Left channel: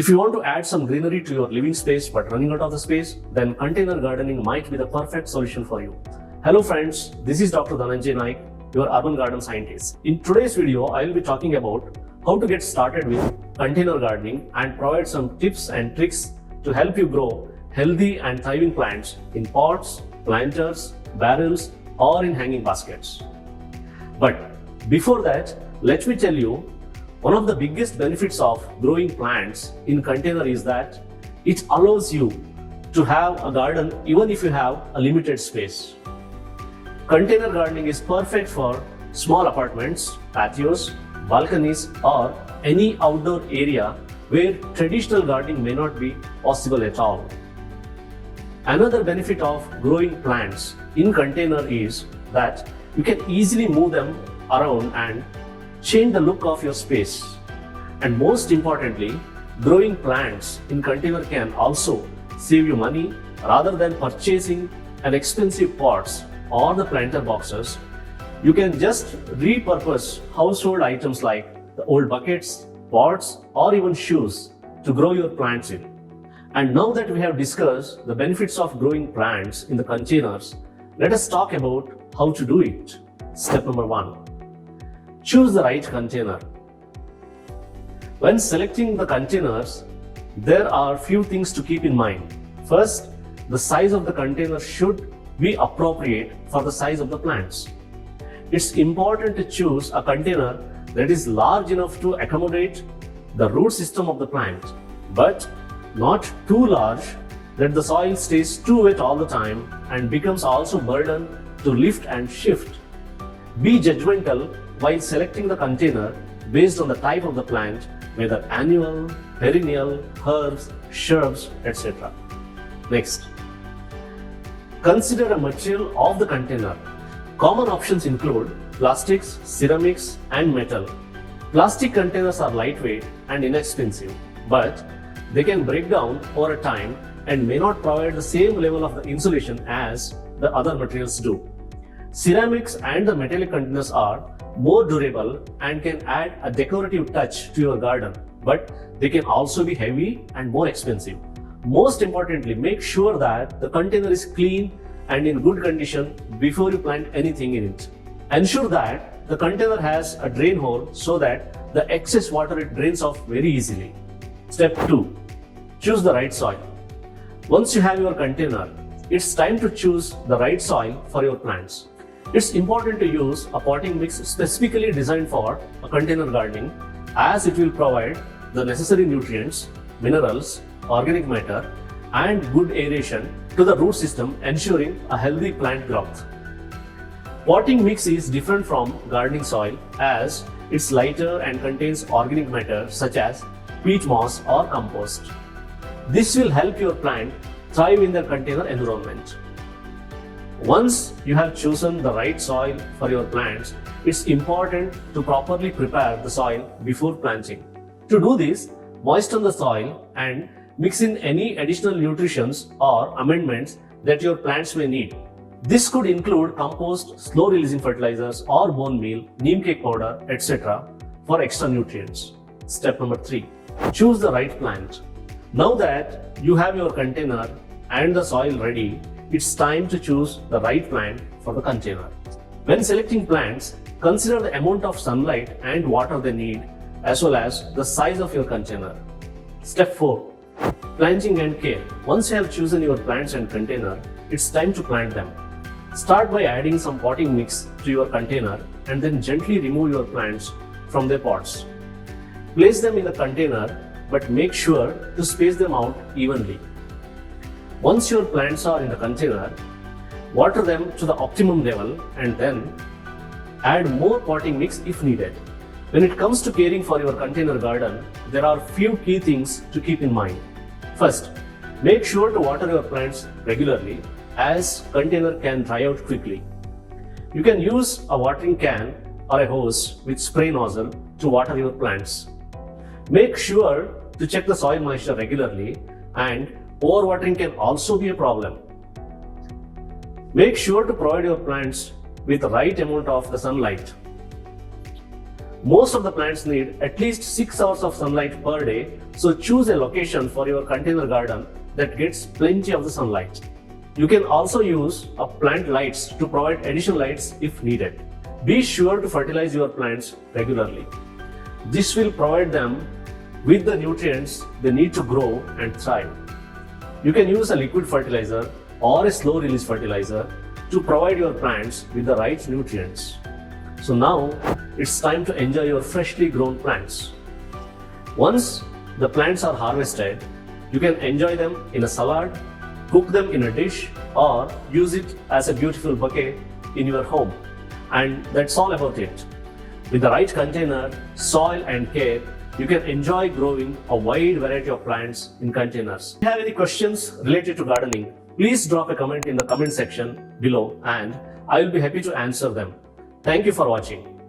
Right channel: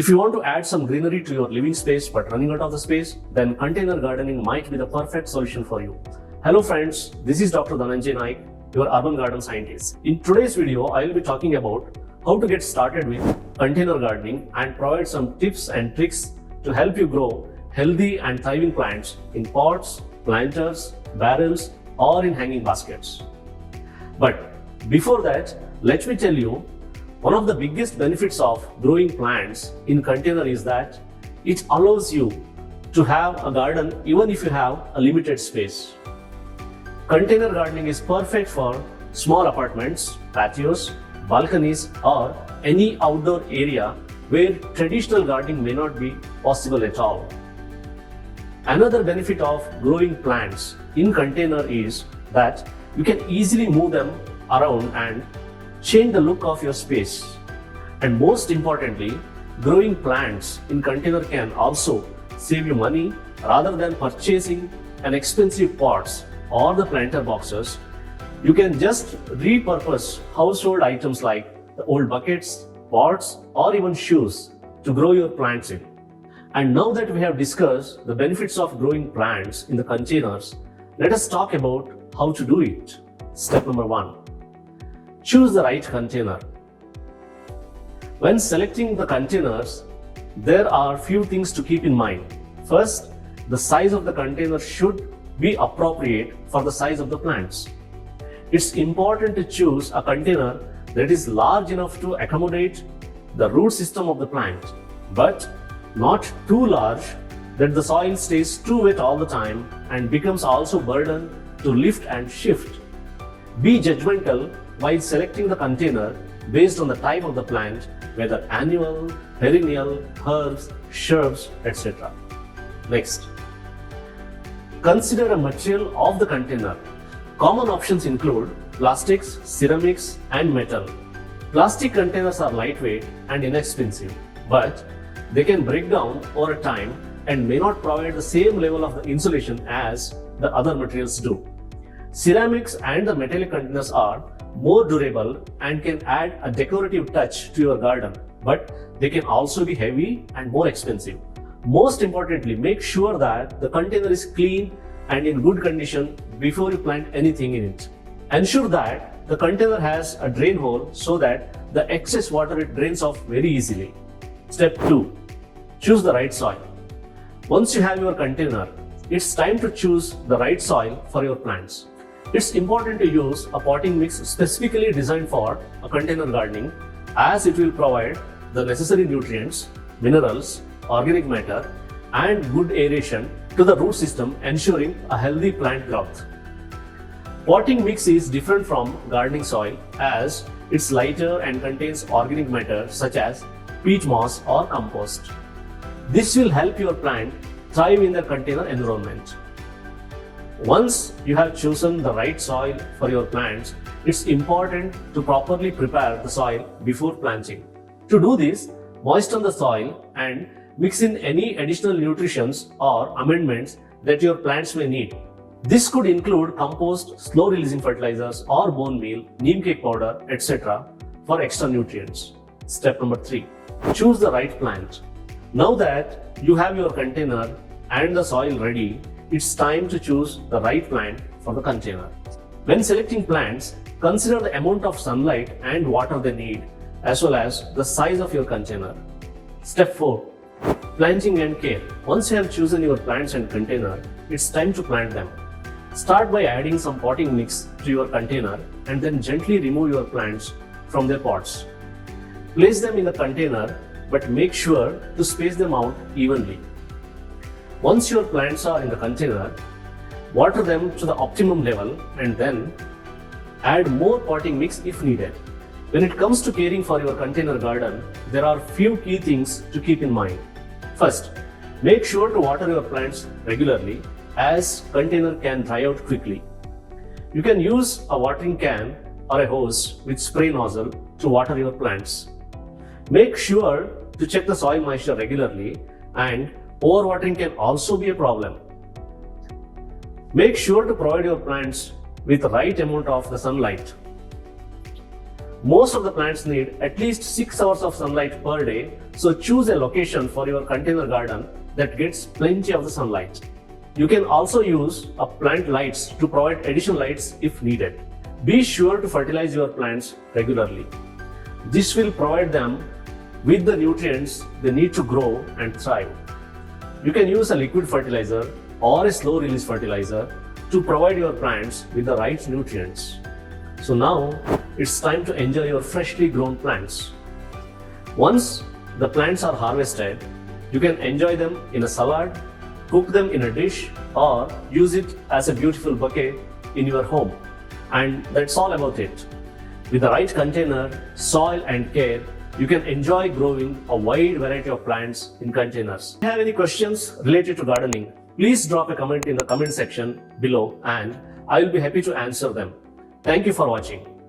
If you want to add some greenery to your living space but running out of the space, then container gardening might be the perfect solution for you. Hello friends, this is Dr. Dhananjay Naik, your urban garden scientist. In today's video, I will be talking about how to get started with container gardening and provide some tips and tricks to help you grow healthy and thriving plants in pots, planters, barrels, or in hanging baskets. But before that, let me tell you, one of the biggest benefits of growing plants in container is that it allows you to have a garden even if you have a limited space. Container gardening is perfect for small apartments, patios, balconies, or any outdoor area where traditional gardening may not be possible at all. Another benefit of growing plants in container is that you can easily move them around and change the look of your space. And most importantly, growing plants in container can also save you money rather than purchasing an expensive pots or the planter boxes. You can just repurpose household items like the old buckets, pots, or even shoes to grow your plants in. And now that we have discussed the benefits of growing plants in the containers, let us talk about how to do it. Step number 1. Choose the right container. When selecting the containers, there are few things to keep in mind. First, the size of the container should be appropriate for the size of the plants. It's important to choose a container that is large enough to accommodate the root system of the plant, but not too large that the soil stays too wet all the time and becomes also burden to lift and shift. Be judgmental while selecting the container based on the type of the plant, whether annual, perennial, herbs, shrubs, etc. Next, consider a material of the container. Common options include plastics, ceramics, and metal. Plastic containers are lightweight and inexpensive, but they can break down over time and may not provide the same level of the insulation as the other materials do. Ceramics and the metallic containers are more durable and can add a decorative touch to your garden, but they can also be heavy and more expensive. Most importantly, make sure that the container is clean and in good condition before you plant anything in it. Ensure that the container has a drain hole so that the excess water it drains off very easily. Step 2. Choose the right soil. Once you have your container, it's time to choose the right soil for your plants. It's important to use a potting mix specifically designed for a container gardening, as it will provide the necessary nutrients, minerals, organic matter, and good aeration to the root system, ensuring a healthy plant growth. Potting mix is different from gardening soil as it's lighter and contains organic matter such as peat moss or compost. This will help your plant thrive in the container environment. Once you have chosen the right soil for your plants, it's important to properly prepare the soil before planting. To do this, moisten the soil and mix in any additional nutrients or amendments that your plants may need. This could include compost, slow-releasing fertilizers or bone meal, neem cake powder, etc. for extra nutrients. Step number 3. Choose the right plant. Now that you have your container and the soil ready, it's time to choose the right plant for the container. When selecting plants, consider the amount of sunlight and water they need, as well as the size of your container. Step 4. Planting and care. Once you have chosen your plants and container, it's time to plant them. Start by adding some potting mix to your container and then gently remove your plants from their pots. Place them in the container, but make sure to space them out evenly. Once your plants are in the container, water them to the optimum level and then add more potting mix if needed. When it comes to caring for your container garden, there are few key things to keep in mind. First, make sure to water your plants regularly as container can dry out quickly. You can use a watering can or a hose with spray nozzle to water your plants. Make sure to check the soil moisture regularly, and overwatering can also be a problem. Make sure to provide your plants with the right amount of the sunlight. Most of the plants need at least 6 hours of sunlight per day So choose a location for your container garden that gets plenty of the sunlight. You can also use plant lights to provide additional lights if needed. Be sure to fertilize your plants regularly. This will provide them with the nutrients they need to grow and thrive. You can use a liquid fertilizer or a slow release fertilizer to provide your plants with the right nutrients. So now it's time to enjoy your freshly grown plants. Once the plants are harvested, you can enjoy them in a salad, cook them in a dish, or use it as a beautiful bouquet in your home. And that's all about it. With the right container, soil and care, you can enjoy growing a wide variety of plants in containers. If you have any questions related to gardening, please drop a comment in the comment section below and I will be happy to answer them. Thank you for watching.